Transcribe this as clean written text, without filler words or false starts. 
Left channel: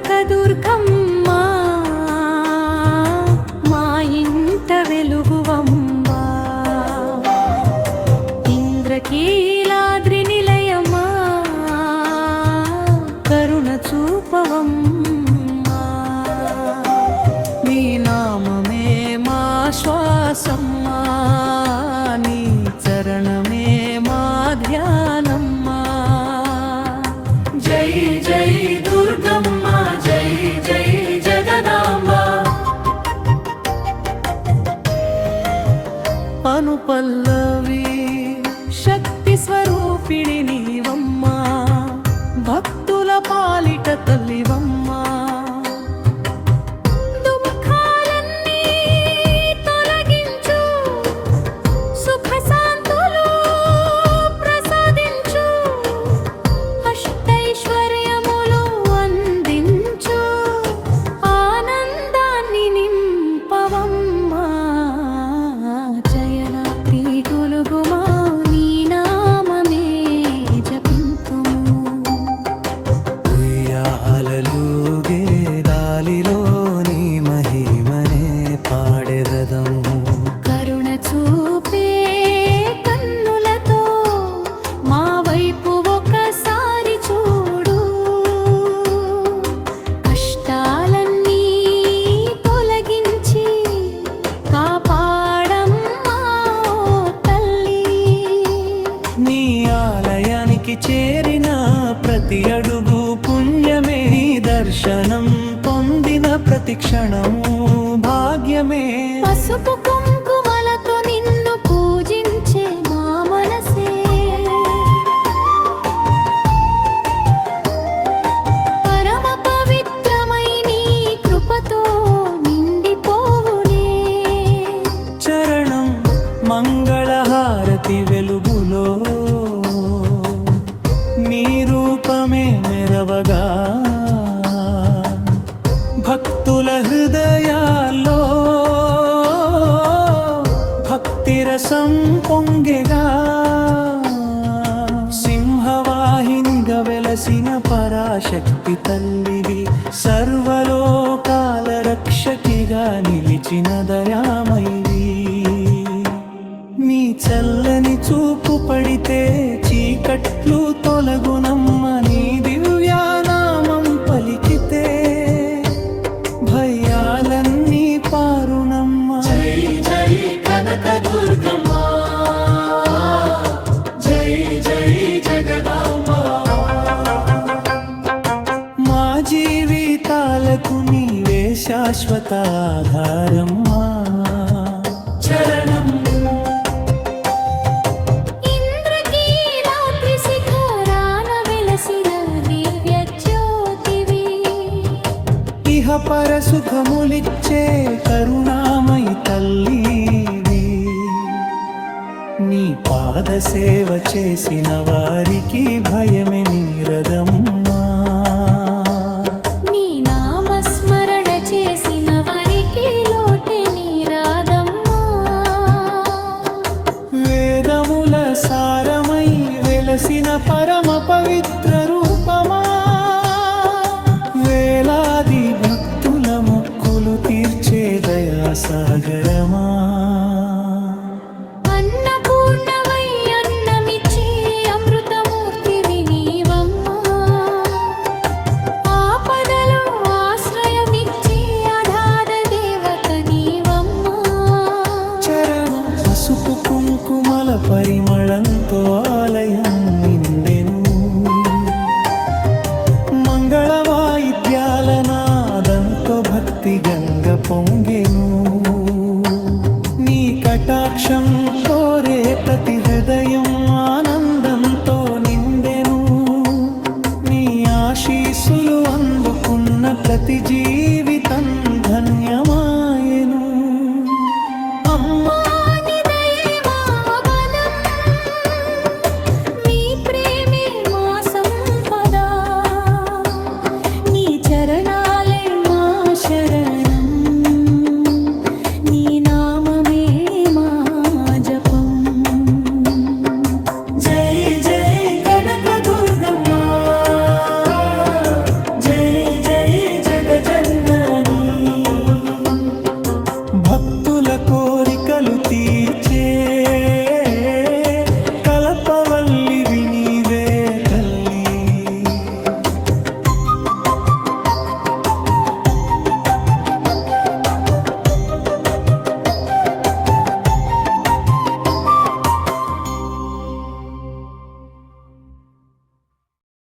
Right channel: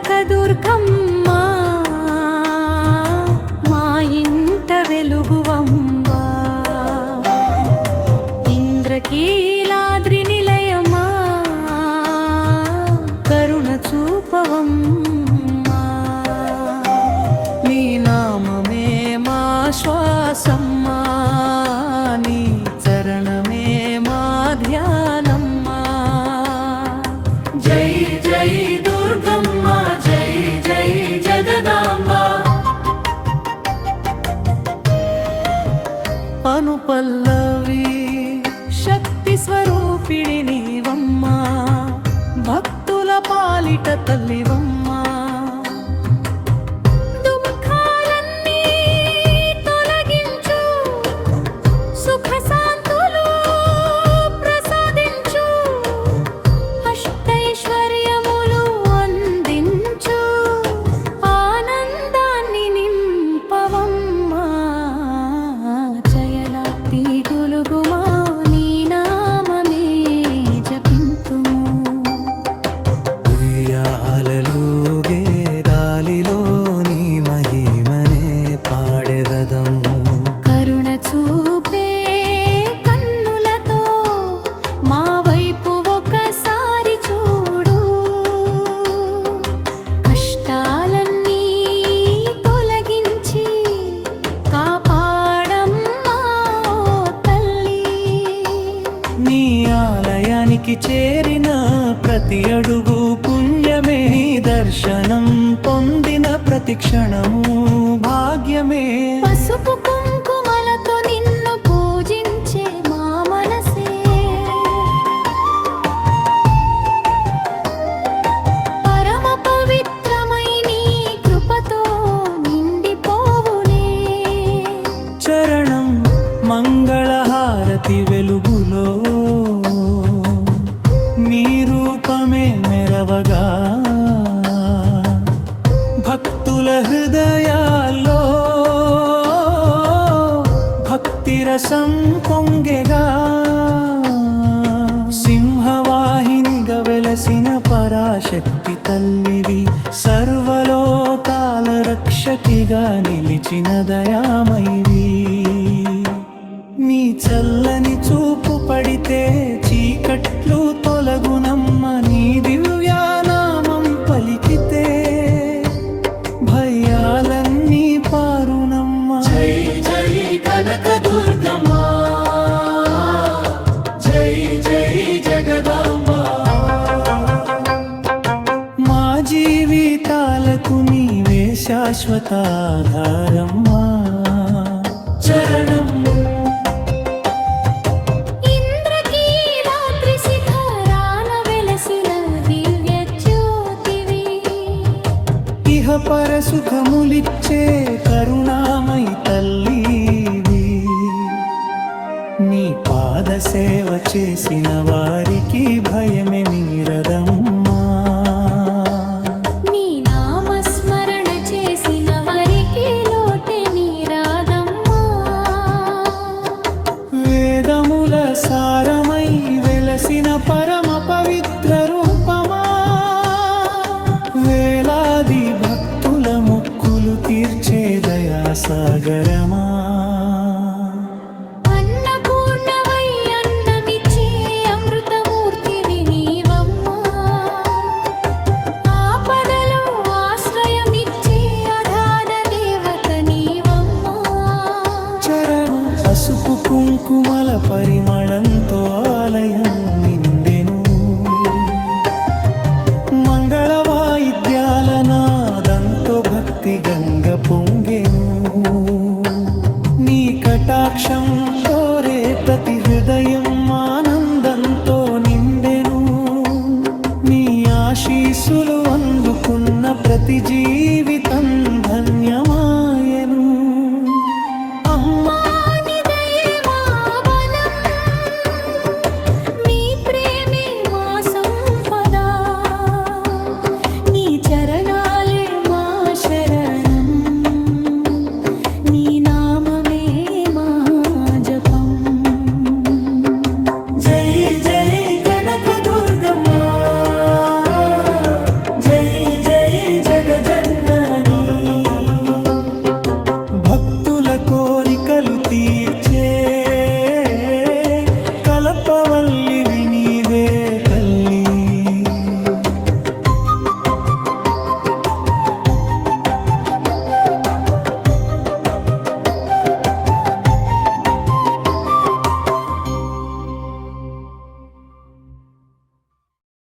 కనకదుర్గమ్మ మా ఇంట వెలుగువమ్మా ఇంద్రకీలాద్రి నిలయమా కరుణ చూపవమ్మా నీ నామమే మా శ్వాసమ్మా నీ చరణమే మా ధ్యానమ్మా జై జై దుర్గమ్మ జై జై జగదాంబ అనుపల్లవి శక్తి స్వరూపిణి నీవమ్మా భక్తుల పాలిట తల్లివమ్మా దుఃఖాలన్నీ తొలగించు సుఖ శాంతులు ప్రసాదించు అష్టైశ్వర్యములు అందించు ఆనందాన్ని నింపవమ్మా జయలాతి గొలుగుమా నీ నామమే జపింతుము ఉయ్యాలలుగే గాలిలో నీ మహిమనే పాడెదము కరుణ చూపే కన్నులతో మా వైపు ఒకసారి చూడు కష్టాలన్నీ తొలగించి కాపాడమ్మా ఓ తల్లి నీ ఆలయానికి చేరిన ప్రతి అడుగు పుణ్యమే నీ దర్శనం పొందిన ప్రతి క్షణము భాగ్యమే పసుపు కుంకుమలతో నిన్ను పూజించే మా మనసే పరమ పవిత్రమై నీ కృపతో నిండిపోవునే చరణం మంగళహారతి వెలుగులో నీ రూపమే మెరవగా భక్తుల హృదయాల్లో భక్తి రసం పొంగెగా సింహవాహినిగా వెలసిన పరాశక్తి తల్లివి సర్వలోకాల రక్షకిగా నిలిచిన దయామైవి నీ చల్లని చూపు పడితే చీకట్లు తొలగునమ్మ నీ దివ్యానామం పలికితే భయాలన్నీ పారునమ్మ జై జై కనకదుర్గమ్మ జై జై జగదాంబ మా జీవితాలకు నీవే శాశ్వత ఆధారమ్మా చరణం ఇంద్రకీలాద్రి శిఖరాన వెలసిన దివ్య జ్యోతివి ఇహ పర సుఖములిచ్చే కరుణామయి తల్లివి నీ పాద సేవ చేసిన వారికి భయమే మీరదమ్మా నీ నామస్మరణ చేసిన వారికి లోటే నీరాదమ్మా వేదముల సారమై వెలసిన పరమ పవిత్ర రూపమా వేలాది భక్తుల మొక్కులు తీర్చే దయాసాగరమా అన్నపూర్ణవై అన్నమిచ్చే అమృతమూర్తివి నీవమ్మా ఆపదలో ఆశ్రయమిచ్చే అగాధ దేవత నీవమ్మా చరణం పసుపు కుంకుమల పరిమళంతో ఆలయం నిండెను మంగళ వాయిద్యాల నాదంతో భక్తి గంగ పొంగెను నీ కటాక్షం కోరే ప్రతి హృదయం ఆనందంతో నిండెను నీ ఆశీస్సులు అందుకున్న ప్రతి జీవితం ధన్యమాయెను అమ్మా నీ దయే మా బలం, నీ ప్రేమే మా సంపద, నీ చరణాలే మా శరణం, నీ నామమే మా జపం. జై జై కనకదుర్గమ్మ జై జై కోరికలు తీర్చే కలపవల్లివి నీవే